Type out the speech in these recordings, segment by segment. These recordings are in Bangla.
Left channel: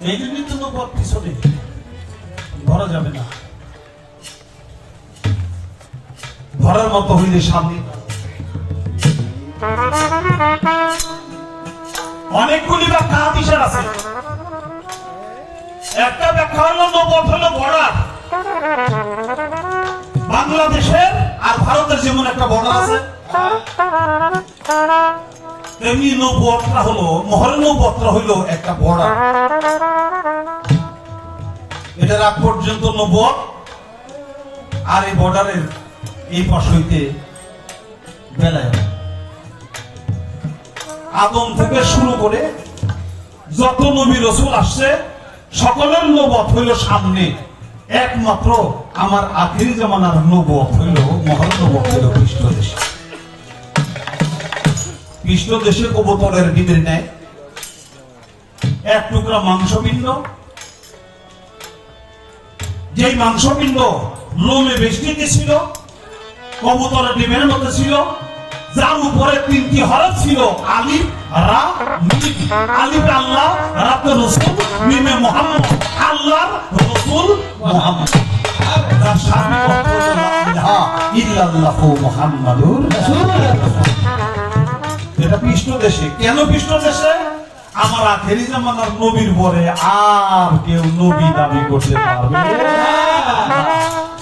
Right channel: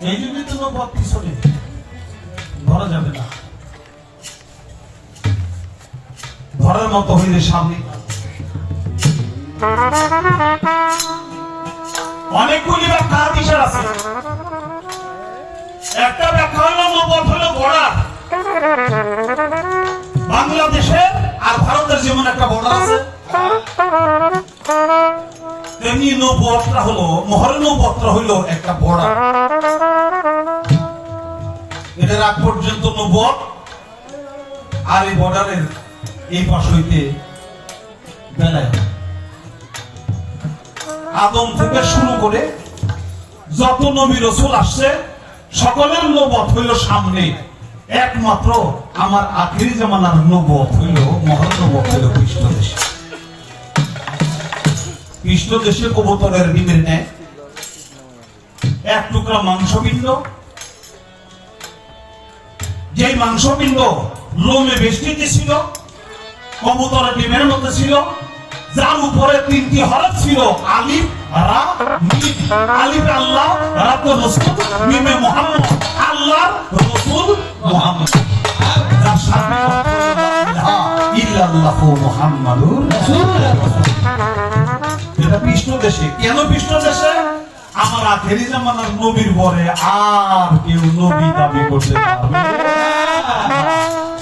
এই জন্যই তুমি পথ পিছনে ধরা যাবে না, ধরার মতো হইলে সামনে। অনেকগুলি ব্যাখ্যা বিষয় আছে। একটা ব্যাখ্যা হলো নবুয়ত হলো বর্ডার, বাংলাদেশের আর ভারতের যেমন একটা বর্ডার আছে, তেমনি নবুয়তটা হলো মহরে নবুয়তটা হইল একটা বর্ডার। এটার আগ পর্যন্ত নবুয়ত, আর এই বর্ডারের এই পাশ হইতে বেলায় আদম থেকে শুরু করে যত নবী রাসূল আসছে সকলের নবুয়ত হইল সামনে, একমাত্র আমার আখিরি জামানার নবুয়ত হইল মহান নবুয়ত হইল খ্রিস্ট দেশে। খ্রিস্ট দেশে কবুতরের বিদের নেয় এক টুকরা মাংসপিণ্ড, যেই মাংসপিণ্ড লোমে বেষ্টিত ছিল, কবুতরের ডিমের মতো ছিল, যার উপরে তিনটি হরফ ছিল আলিফ রা মিম। আলিফ আল্লাহ, রা তো রাসূল, মিমে মুহাম্মদ, আল্লাহর রাসূল মুহাম্মদ। তার সামনে লা ইলাহা ইল্লাল্লাহু মুহাম্মাদুর রাসূলুল্লাহ। এটা কৃষ্ণ দেশে। কেন কৃষ্ণ দেশে? আমার আখেরি জামানার নবীর পরে আর কেউ নবী দাবি করতে পারবে না।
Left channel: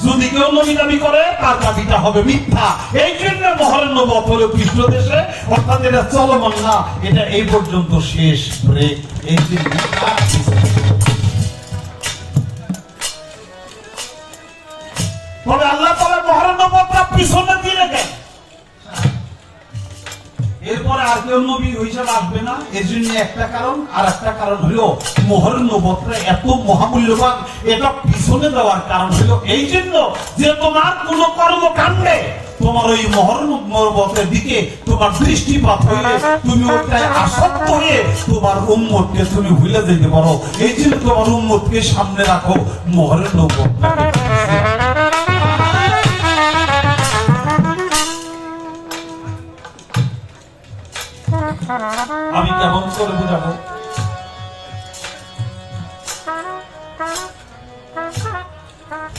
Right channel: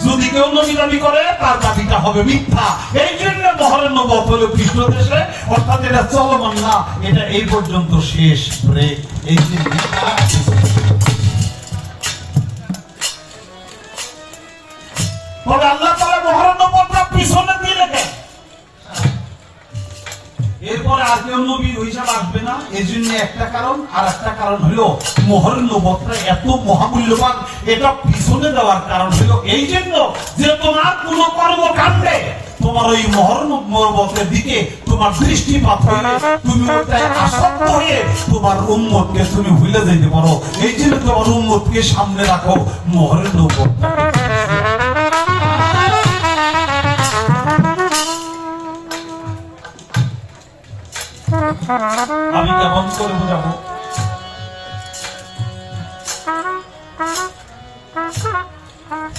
যদি কেউ নবী দাবি করে তার দাবিটা হবে মিথ্যা। এই জন্য মহরের নবুয়ত হলো কৃষ্ণ দেশে, অর্থাৎ এটা চলমান না, এটা এই পর্যন্ত শেষ ব্রেক। এই যে তবে আল্লাহ তাআলা মহরের নবুয়তটা পিছনে দিয়ে রেখে এরপর আর কেউ নবী হিসাবে আসবে না। এই জন্য একটা কারণ, আর একটা কারণ হলো মোহর নবুয়তটা এত মহামূল্যবান, এটা পিছনে দেওয়ার কারণ হলো এই জন্য যে তোমার কোন কর্মকাণ্ডে তোমার ওই মোহর নবুয়তের দিকে তোমার দৃষ্টিপাত হইলে তুমি ওটায় আসক্ত হয়ে তোমার উম্মতকে তুমি ভুলে যেতে পারো। এই জন্য তোমার উম্মতকে সামনে রাখো, মোহরের নবুয়তটা। আমি কেমন করে বুঝাবো?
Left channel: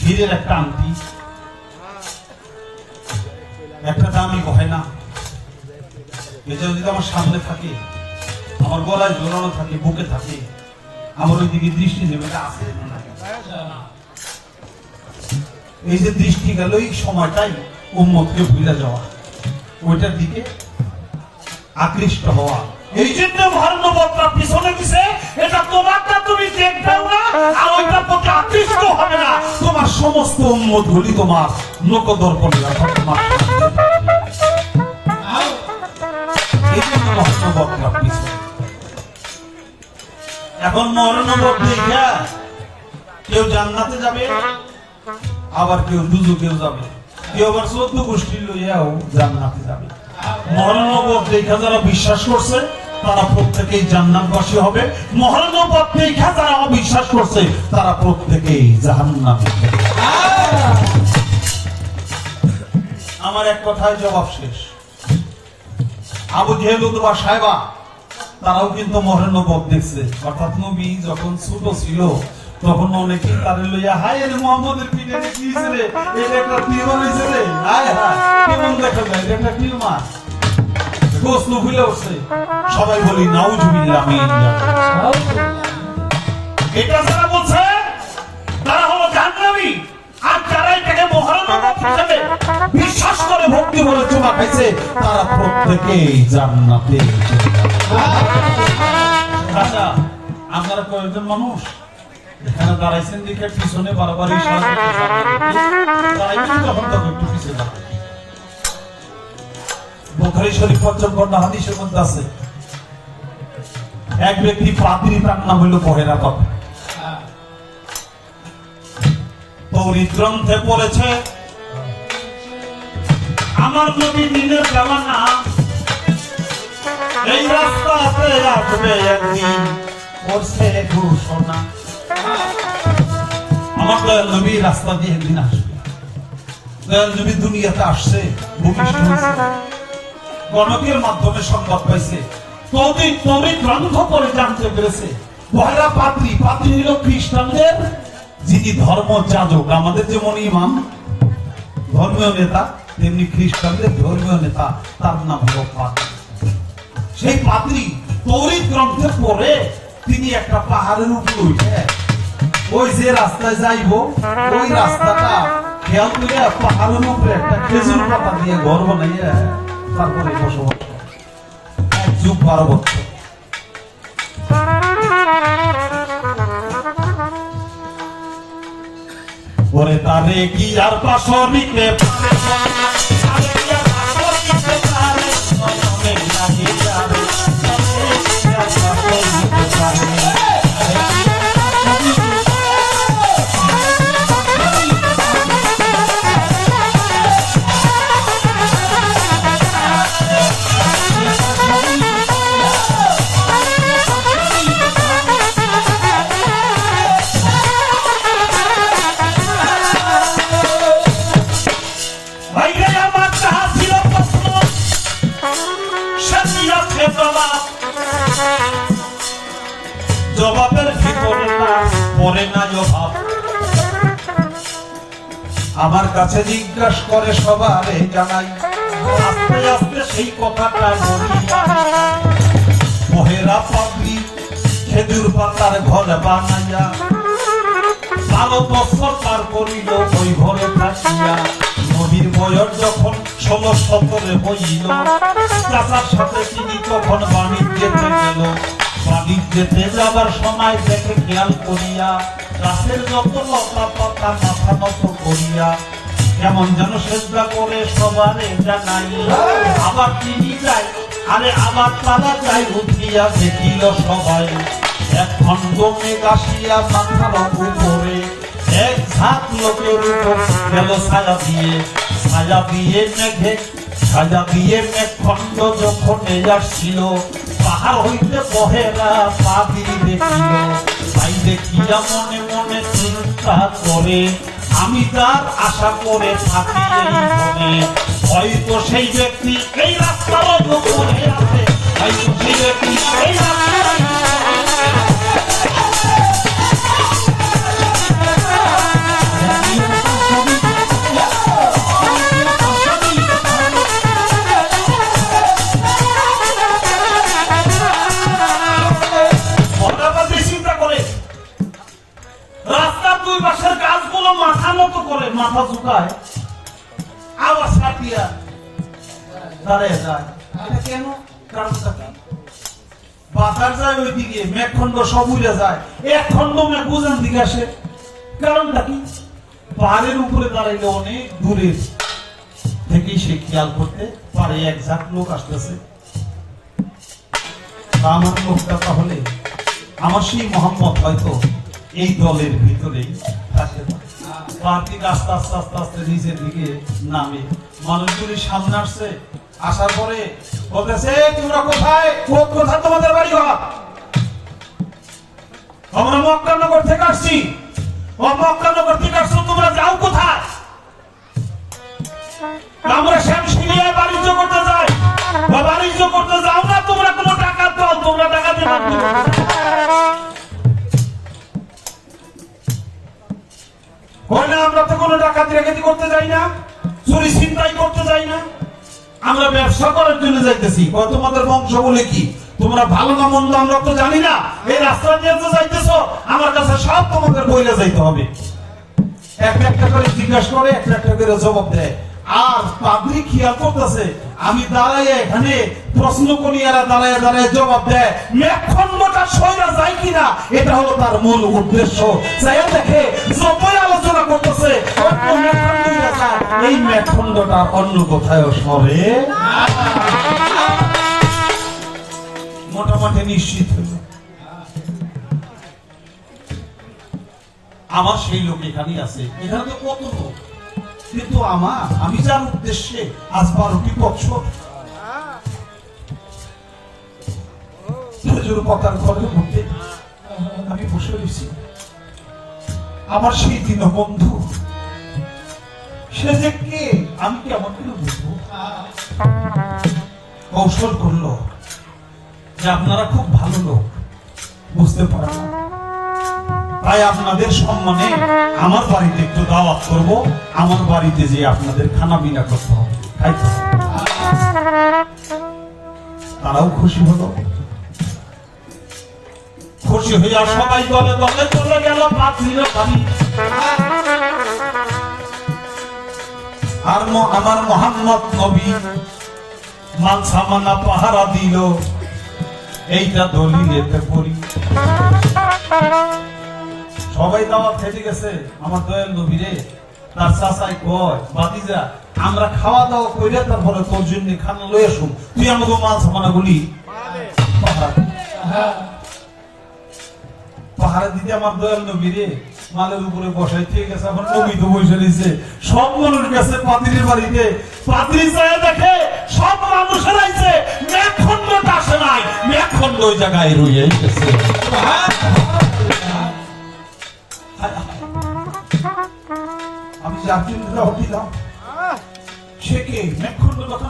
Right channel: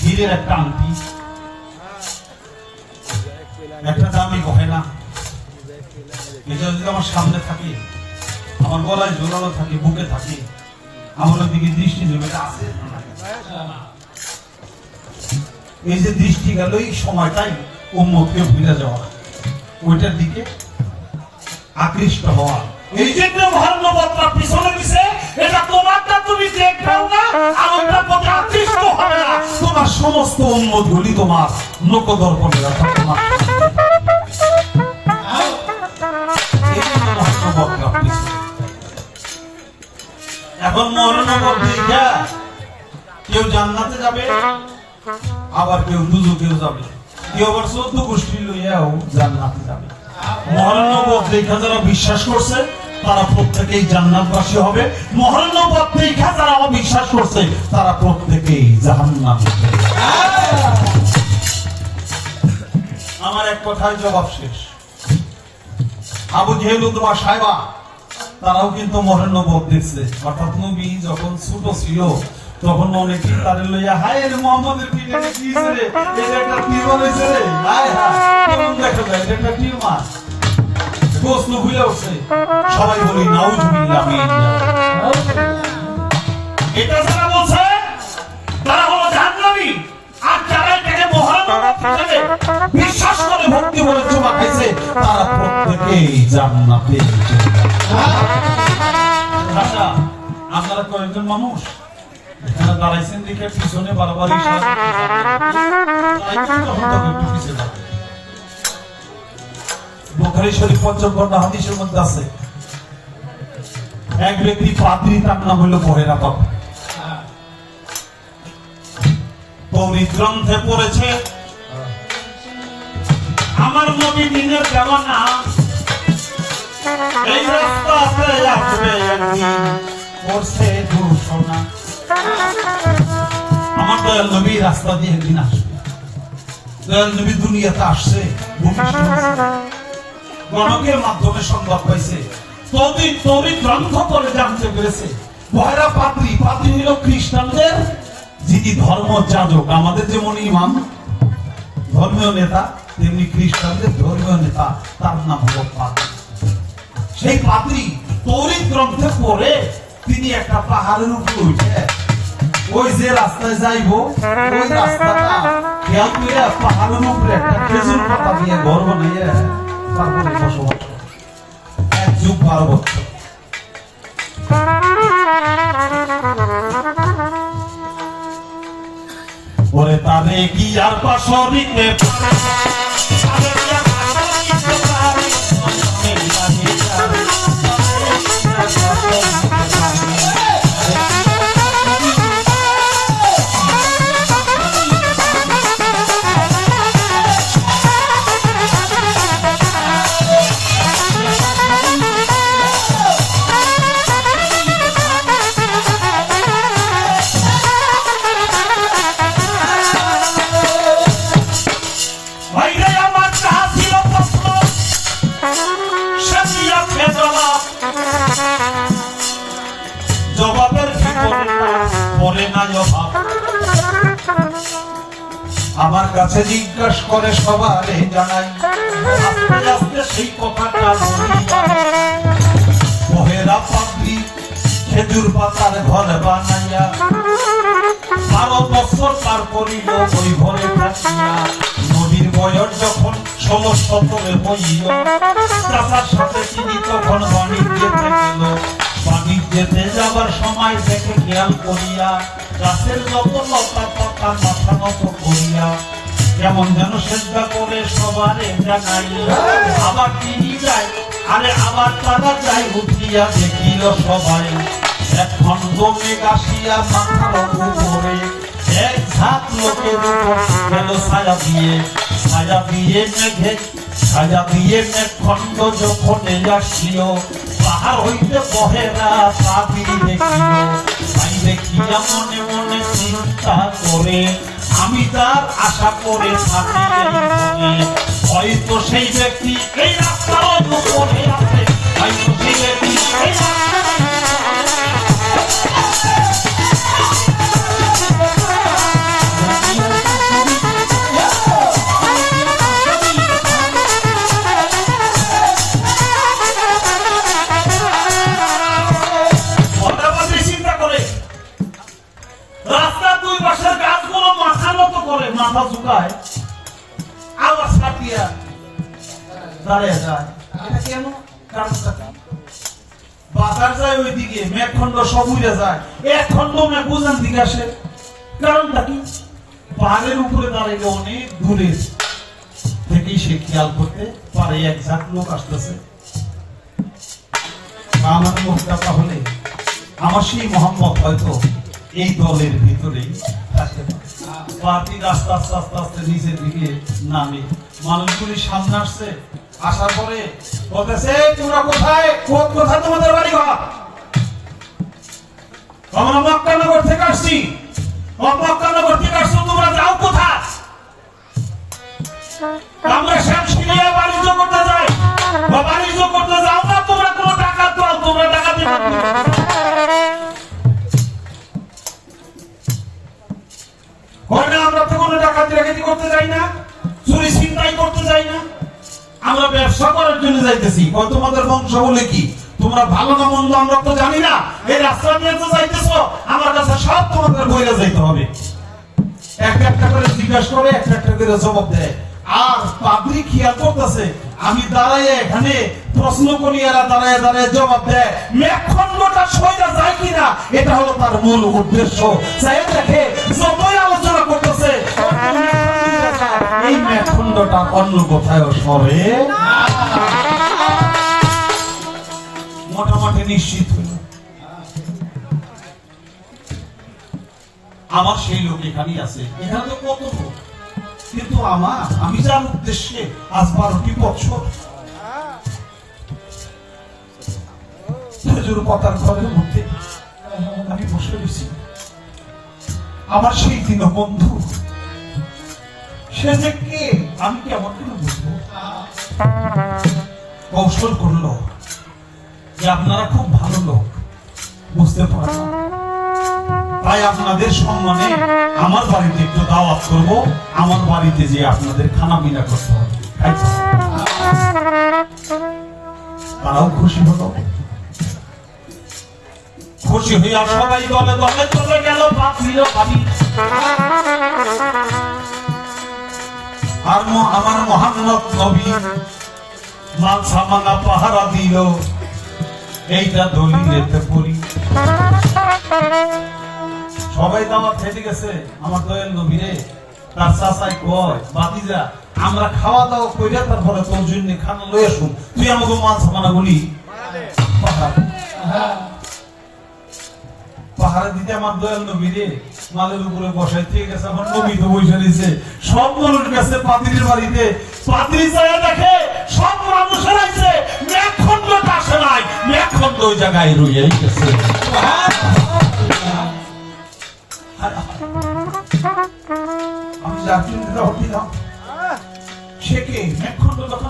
হীরের একটা আংটি, একটা দামি গয়না, এটা যদি আমার সামনে থাকে, আমার গলায় ঝোলানো থাকে, বুকে থাকে, আমার ওই দিকে দৃষ্টি যাবে আছে। এই যে দৃষ্টি গেল, এই সময়টাই উম্মতকে ভুলে যাওয়া, ওইটার দিকে আকৃষ্ট হওয়া। এই জন্য মহরের নবুয়তটা পিছনে দিছে। এটা তোমারটা তুমি দেখবেও না, আর ওইটার প্রতি আকৃষ্ট হবে না। তোমার সমস্ত উম্মত গুলি তোমার লোকদর্পণে রাখা, তোমার এই জন্য মহরের নবুয়তটা পিছনে। এখন মহরের নবুয়ত দেখা কেউ জান্নাতে যাবে, আবার কেউ দুজকেও যাবে, কেউ আবার 14 গোষ্ঠী লইয়াও জান্নাতে যাবে। মহরের নবুয়ত দেখা যারা বিশ্বাস করছে তারা প্রত্যেকেই জান্নাতবাসী হবে, মহরের নবুয়ত দেখা যারা অবিশ্বাস করছে তারা প্রত্যেকেই জাহান্নামে। আমার এক কথায় জবাব শেষ। আবু জেহেল উতবা সাহেবা তারাও কিন্তু মহরের নবুয়ত দেখছে, অর্থাৎ নবী যখন ছোট ছিল তখন অনেকে তারে লইয়া হায় মুহাম্মদের পিঠে দিয়েছে রে, এটা একটা তীর হয়েছে রে, হায় হায় কেমন দেখা যায়, এটা একটা তীর মার প্রশ্ন ভুলে উঠছে। সবাই বলি নাউজুবিল্লাহ মিনাল্লাহ। এটা যারা বলছে তারা হলো জাহান্নামী, আর যারা এটাকে মহরের নবুয়ত হিসেবে বিশ্বাস করে ভক্তি বলে চুমা খাইছে তারা প্রত্যেকেই জান্নাতে চলে যাবে। আচ্ছা, আপনারা কয়েকজন মানুষ এখানে দাঁড়াইছেন দেখে পিছনে বারবার ইশারা করতেছেন, তখন তখন একটু পিছনে যাবে। বুখারী শরীফ ৫ম খণ্ড হাদিসের মধ্যে আছে, এক ব্যক্তি পাদ্রী, তার নাম হইল বহেরা বাবা। তৌরাত গ্রন্থে পড়েছে আমার নবী দিনের জামানা এই রাস্তাতে আসবে একদিন, করছে ঘোষণা। আমার দয়াল নবী রাস্তা দিয়ে একদিন আসবে। দয়াল নবী দুনিয়াতে আসছে, ভূমিষ্ঠ হয়েছে, গণকের মাধ্যমে সংবাদ পাইছে, তৌরাত গ্রন্থ পড়ে জানতে পেরেছে পহেলা পাদ্রী, পাদ্রী হইল খ্রিস্টানদের যিনি ধর্ম যাজক। আমাদের যেমন ইমাম ধর্মীয় নেতা, তেমনি খ্রিস্টানদের ধর্মীয় নেতা, তার নাম হল পাদ্রী। সেই পাদ্রী তৌরিত গ্রন্থে পড়ে তিনি একটা পাহাড়ের উপর উঠে ওই যে রাস্তায় যাইব ওই রাস্তাটা খেয়াল করে পাহাড়ের উপরে একটা খেজুর পাতা দিয়ে ঘর বানাইয়ে তারপরে বসবাস করে 1 যুগ 12 বছর। ওরে তারে কি আর পাশরিতে পারে জবাবের ভিতরে পড়ে না জবাব। আমার কাছে জিজ্ঞাসা করে সবারে জানাই, আস্তে আস্তে সেই কথাটা বলি। পহেলা পাদ্রী খেজুর পাতার ঘর বানাইয়া 12 বছর পার করিল ওই ঘরে থাকিয়া। নদীর বয়স যখন 16-17 হইল, চাচার সাথে তিনি তখন বাণিজ্যেতে গেল। বাণিজ্যেতে যাবার সময় দেখে খেয়াল করিয়া গাছের যত লতা পাতা মাথা নত করিয়া কেমন যেন সেজদা করে সবারে জানাই। আবার তিনি যায়, আরে আবার তারা যায়, উঠিয়া দেখিল সবাই এক খন্ড মেঘ আসিয়া মাথার উপরে, এক ঝাঁক লোকের উপর গেল ছায়া দিয়ে। ছায়া দিয়ে মেঘে, ছায়া দিয়ে মেঘ খন্ড যখন আসছিল, পাহাড় হইতে পহেলা পাদ্রী দেখিল। তাই দেখিয়া মনে মনে চিন্তা করে, আমি তার আশা করে থাকি এই মনে, হয়তো সেই ব্যক্তি এই রাস্তার উপরে আছে, হয়তো সেই ব্যক্তি এই রাস্তার মাথা ঝুঁকায় আবার ছাটিয়া দাঁড়িয়ে যায়। এটা কেন? কারণটা কি? বাতার যায় ওইদিকে, মেঘখণ্ড সব উড়ে যায়, এক খণ্ড মেঘ বুঝান দিকে আসে। কারণটা কি? পাহাড়ের উপরে দাঁড়াইলে অনেক দূরে থেকেই সে খেয়াল করতে পারে এক ঝাঁক লোক আসতেছে। আমার লোকটা তাহলে আমার সেই মোহাম্মদ হয়তো এই দলের ভিতরেই থাকে। পার্টি আস্তে আস্তে আস্তে আস্তে নিচের দিকে নামে, মানুষগুলি সামনে আসছে। আসার পরে বলতেছে, তোমরা কোথায়? কোথায় তোমাদের বাড়ি ঘর? আমরা মক্কানগর থেকে আসছি। মক্কানগর থেকে আসছো, তোমরা যাও কোথায়? আমরা শ্যামশিলিয়ায় বাণিজ্য করতে যাই। বা বাণিজ্য করতে যাও না, তোমরা কোনো টাকা দাও, তোমরা টাকা দিবে। আমরা তো কোনো ডাকাতি রাখাতি করতে যাই না, চুরি ছিনতাই করতে যাই না, আমরা ব্যবসা করার জন্য যাইতেছি। তোমাদের বংশ বলে কি? তোমরা ভালো না মন্দ আমরা তো জানি না, এই রাস্তা দিয়ে তো যাইতেছো, আমার কাছে সব তোমাদের বইলে যাইতে হবে। একটা একটা করে জিজ্ঞাসা করে, একটা একটা করে জবাব দেয়। আর পাদ্রী খেয়াল করতেছে, আমি দাঁড়াই এখানে প্রশ্ন করি, এরা দাঁড়ায় দাঁড়ায় জবাব দেয়। মেঘখণ্ডটা সোজা যায় কিনা, এটা হলো তার মূল উদ্দেশ্য। চাই দেখে যতই আলোচনা করতেছে, এই মেঘখণ্ডটা অন্য কোথাও সরে মোটামুটি নিশ্চিত হইল। আমার সেই লোক এখানেই আছে, এখানে তো কত লোক, কিন্তু আমি যার উদ্দেশ্যে আজ 12টি বছর খেজুর পাতার ঘরের মধ্যে আমি বসে রয়েছি, আমার সেই দীনবন্ধু সে যে কে আমি কেমন করে বুঝবো? কৌশল করলো যে আপনারা খুব ভালো লোক, বুঝতে পারলাম। তাই আপনাদের সম্মানে আমার বাড়িতে একটু দাওয়াত করব, আমার বাড়িতে যে আপনাদের খানা পিনা করতে হবে, খাইতে হবে। তারাও খুশি হলো। খুশি হইয়া সবাই দলে দলে চলে গেল পাত্রীর বাড়ি। আর আমার মোহাম্মদ নবী মাল সামানা পাহারা দিল, এইটা দলিলেতে পড়ি। সবাই দাওয়াত খেতে গেছে, আমার দয়াল নবী রে তার চাচাই কয়, বাতিজা আমরা খাওয়া দাওয়া কইরা তারপরে তোর জন্য খানা লয়ে আসুন, তুই আমাকে মাল সামানা গুলি পাহারা দিতে আমার দয়াল নবী রে মালের উপরে বসাই ঠিক আছে। আমার নবী তো বসে দিয়েছে, সব মানুষ গেছে পাতিলের বাড়িতে, পাতিল জায়গায় দেখে সব মানুষের আইছে, মেঘখণ্ডটা আসে নাই, মেঘখণ্ড ওই জায়গায় রয়ে গেছে। আমি যাত্রী দাওয়াত দিলাম, সে কে? মেঘখণ্ড কথা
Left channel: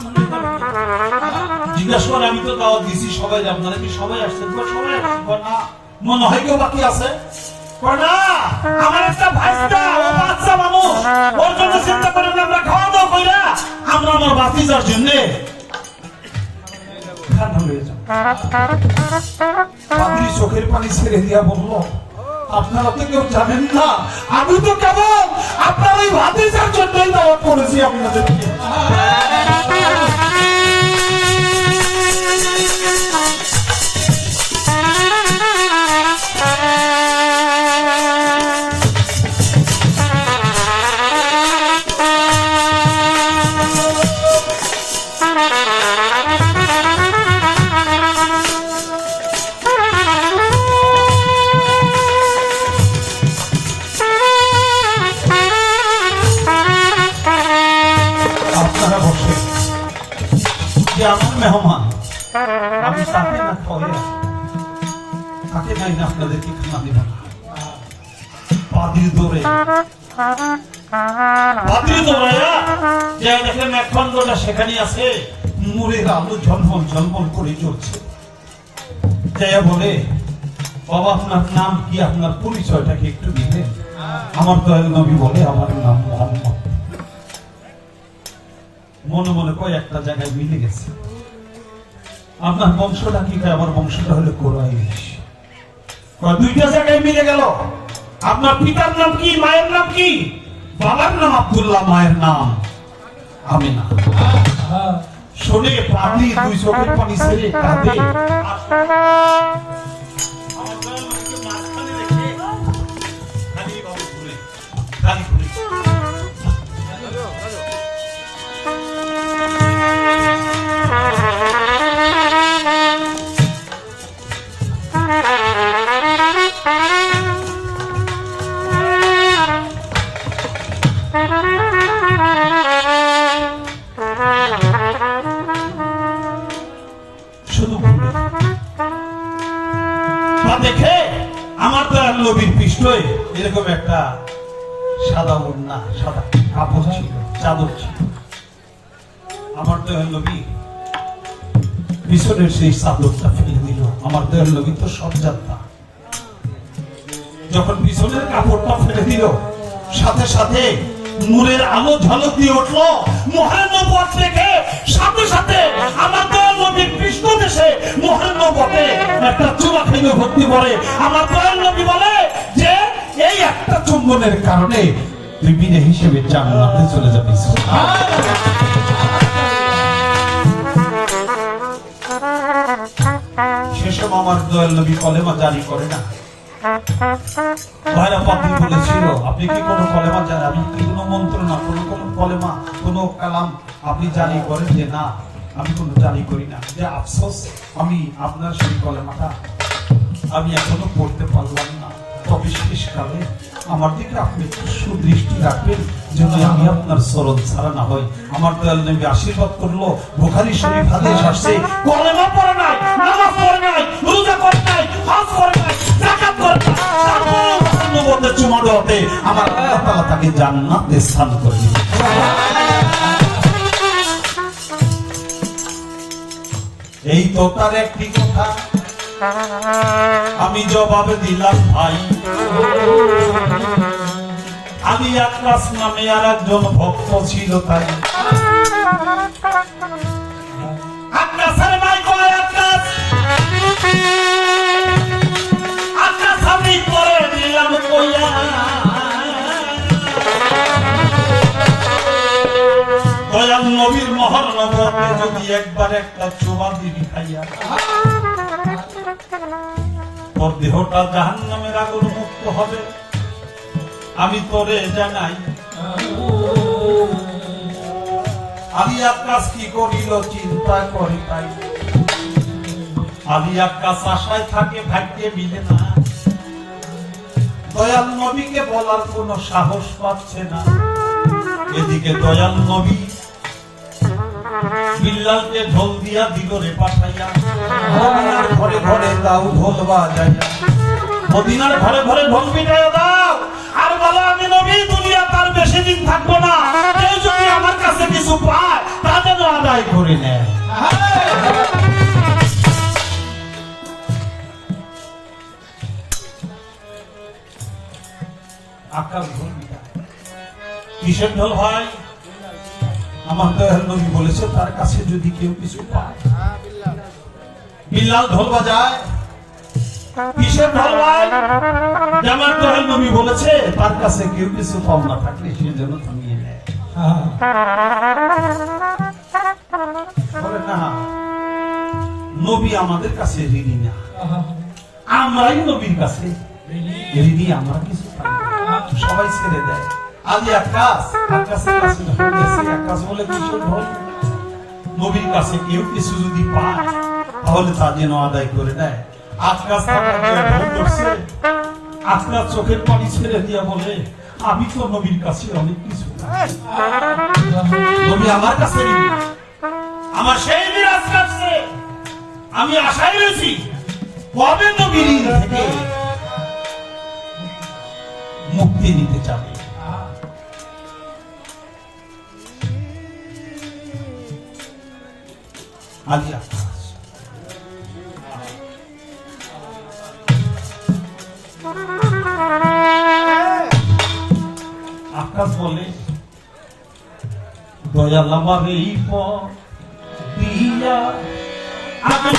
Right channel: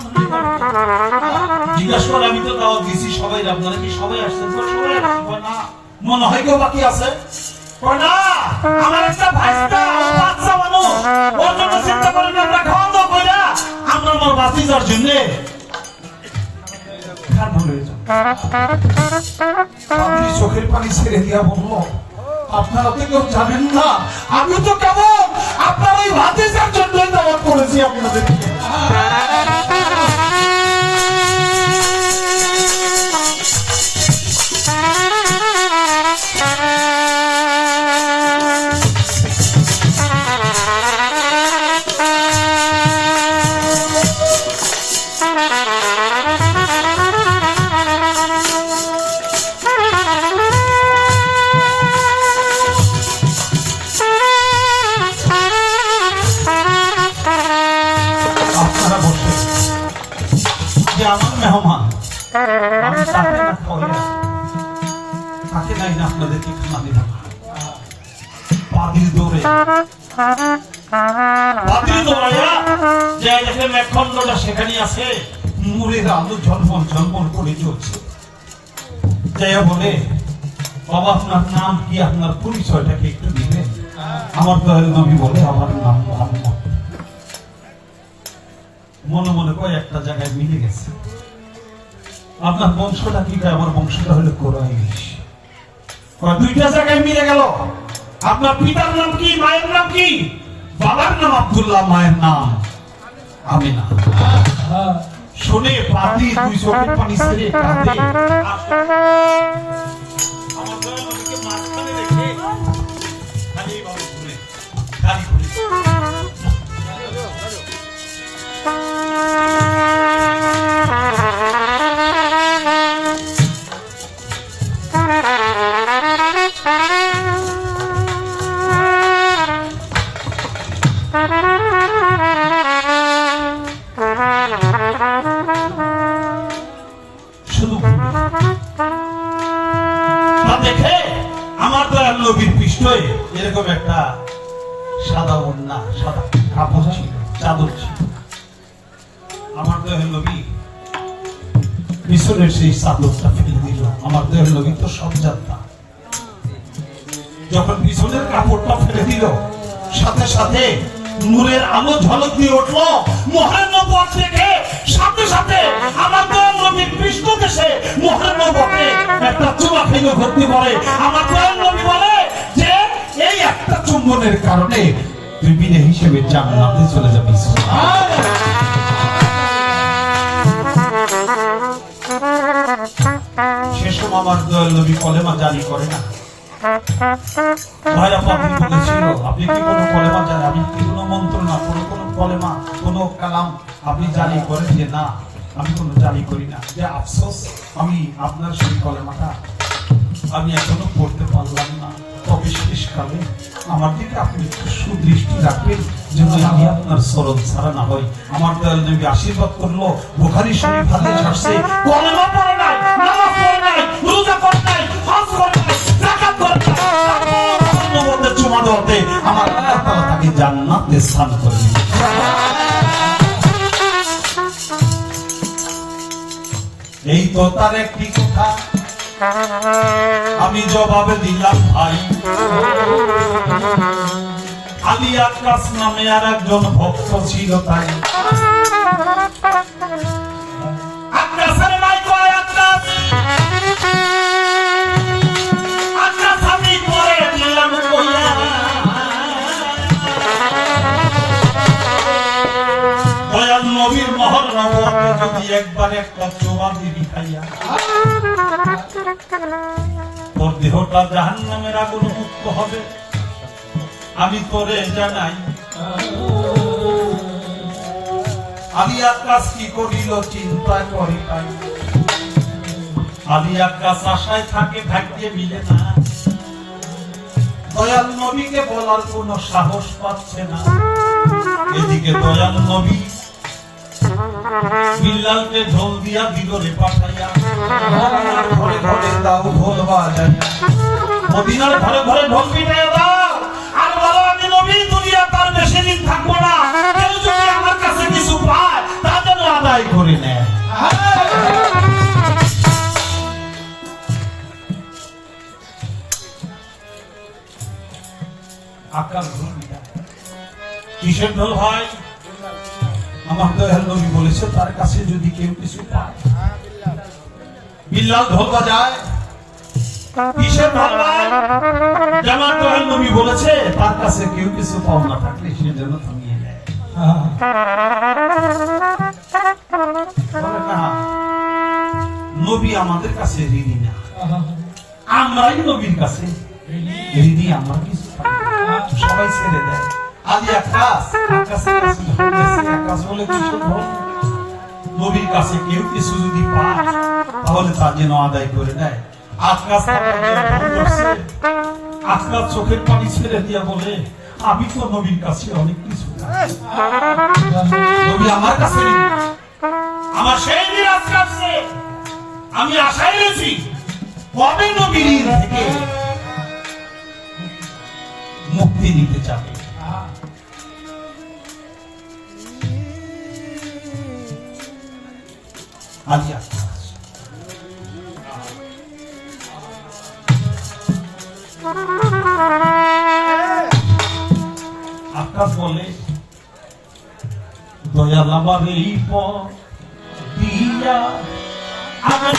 জিজ্ঞাসা করে, আমি তো দাওয়াত দিছি সবাই, আপনারা কি সবাই আসছেন? সবাই না, মনে হয় কেউ বাকি আছে। না, আমার একটা ভাইস্তা, বাচ্চা মানুষ, ওর জন্য চিন্তা করেন, আমরা খাওয়া দাওয়া কইরা আমরা আমার বাতিজার জন্য চোখের পানি ছেড়ে দিয়া বললো, আপনারা তো কেউ জানেন না, আমি তো কেবল আপনার ওই ভাতিজার জন্য দাওয়াত করেছি আপনাদেরকে। আমার মেহমান, আমি তাকে না খাওয়াই, তাকে নাই না আপনাদেরকে খানা দিলাম। পাদিল দৌড়ে মেঘখণ্ডটা সেখানে আছে, নূরের আলো ঝলমল ঝলমল করে চলছে। বলে, বাবা আপনার নাম কি, আপনার পরিচয়টাকে একটু দিবেন? আমার দয়াল নবী বলে, আমার নাম মোহাম্মদ। মনে মনে কয় একটা জায়গায় মিলে গেছে। আপনার বংশটা কি? আমার বংশটা হলো কুরাইশ। দুইটা জায়গায় মিলে গেল। আপনার পিতার নাম কি, মায়ের নাম কি? বাবার নাম আব্দুল্লাহ, মায়ের নাম আমিনা। শুনে পাতি দুই চোখের পানি ছেড়ে কাঁদে। আমার দয়াল নবীকে মাঝখানে রেখে খালি বাবু ঘুরে খালি ঘুরে দেখে আমার দয়াল নবীর পৃষ্ঠে এরকম একটা সাদা ওড়না, সাদা কাপড় ছিল, চাদর ছিল। আমার দয়াল নবী পিছনের সেই চাদরটা ফেলে দিল। আমার দয়াল নবী তো সব জানতা, যখন পিছনের কাপড়টা ফেলে দিল, সাথে সাথে নূরের আলো ঝলক দিয়ে উঠলো। মোহরের নবুয়ত থেকে সাথে সাথে আমার দয়াল নবীর পৃষ্ঠদেশে মোহরের নবুয়তে একটা চুমা খেলে ভর্তি করে। আমার দয়াল নবী বলে যে এই একটা চুম্বনের কারণে তুই বিনে হিসেবে জান্নাতে চলে যাবি। সেসব আমার দয়াল নবী কলেমা জারি করে না। বলেছিল, আপনি কি কোনো কলেমা জানেন? আমি কি কোনো মন্ত্র না, কোনো কলেমা, কোনো কালাম আপনি জারি করেন? যে না, আমি কোনো জারি করি না। যে আফসোস, আমি আপনার সেই কলেমাটা আমি এখনো পড়তে পারলাম না। তবে শেষকালে আমার দিকে আপনি একটু সুদৃষ্টি রাখবেন, যেন আমি আপনার চরণ ছাড়া না হই। আমার দয়াল নবী আশীর্বাদ করলো। বুখারী শরীফ হাদিস আসছে, কলেমা পড়ে নাই, নামাজ পড়ে নাই, রোজা করে নাই, হজ করে নাই, যাকাত করে নাই, তারপর চুমা দেওয়াতে আমার আল্লাহ তাআলা তাকে জান্নাতে স্থান করে দিলেন। এই তো তার একটি কথা, আমি জবাবে দিলাম ভাই আলী আকাশ নামে আর একজন ভক্ত ছিল তাই আকাশের নাই কয় আকাশ আকাশ আমি করে দিলাম কইয়া দয়াল নবীর মহর নবতে যদি একবার একটা চোয়া দিবি খাইয়া তোর দেহটা জাহান্নামের আগুন মুক্ত হবে আমি তোরে জানাই আলী আকাশ কি করিল চিন্তা করে তাই আলী আকাশ আশায় থাকে ভাগ্যে মিলে না দয়াল নবীকে বলার কোন সাহস পাচ্ছে না এদিকে দয়াল নবী বিল্লালকে ঢোল দিয়া ভিতরে পাঠাইয়া ঘরে ঘরে দাও ঢোল বাজাইয়া মদিনার ঘরে ঘরে ঢোল পিটাইয়া দাও আর বলো আমি নবী দুনিয়া তার বেশি দিন থাকবো না কেউ যদি আমার কাছে কিছু পায় তা যেন আদায় করে নেয় আকাশ ঢোল কিসের ঢোল ভাই আমার দয়াল নবী বলেছে তার কাছে যদি কেউ কিছু পায় বিল্লাল ঢোল বাজায় কিসের ঢোল ভাই আমার দয়াল নবী বলেছে তার কাছে কেউ কিছু পাওনা থাকলে সে যেন থামিয়ে নেয় বলে না নবী আমাদের কাছে ঋণী না আমরাই নবীর কাছে ঋণী আমার কিছু সবাই ছেড়ে দেয় আলী আকাশ আকাশের কাছে আকাশ বলে কিছু ঢোল নবীর কাছে কেউ কিছু যদি পায় তাহলে তা যেন আদায় করে দেয় আকাশ আকাশ চোখের পানি ছেড়ে দিয়া বলে আমি তো নবীর কাছে অনেক কিছু নবী আমার কাছে আমার সেই বিরাজ কাছে আমি আশায় রয়েছি কবে নবীর থেকে মুক্তি দিতে চাবে আলী আকাশ আকাশ বলে দয়াল আমার এই পথ দিয়া আগে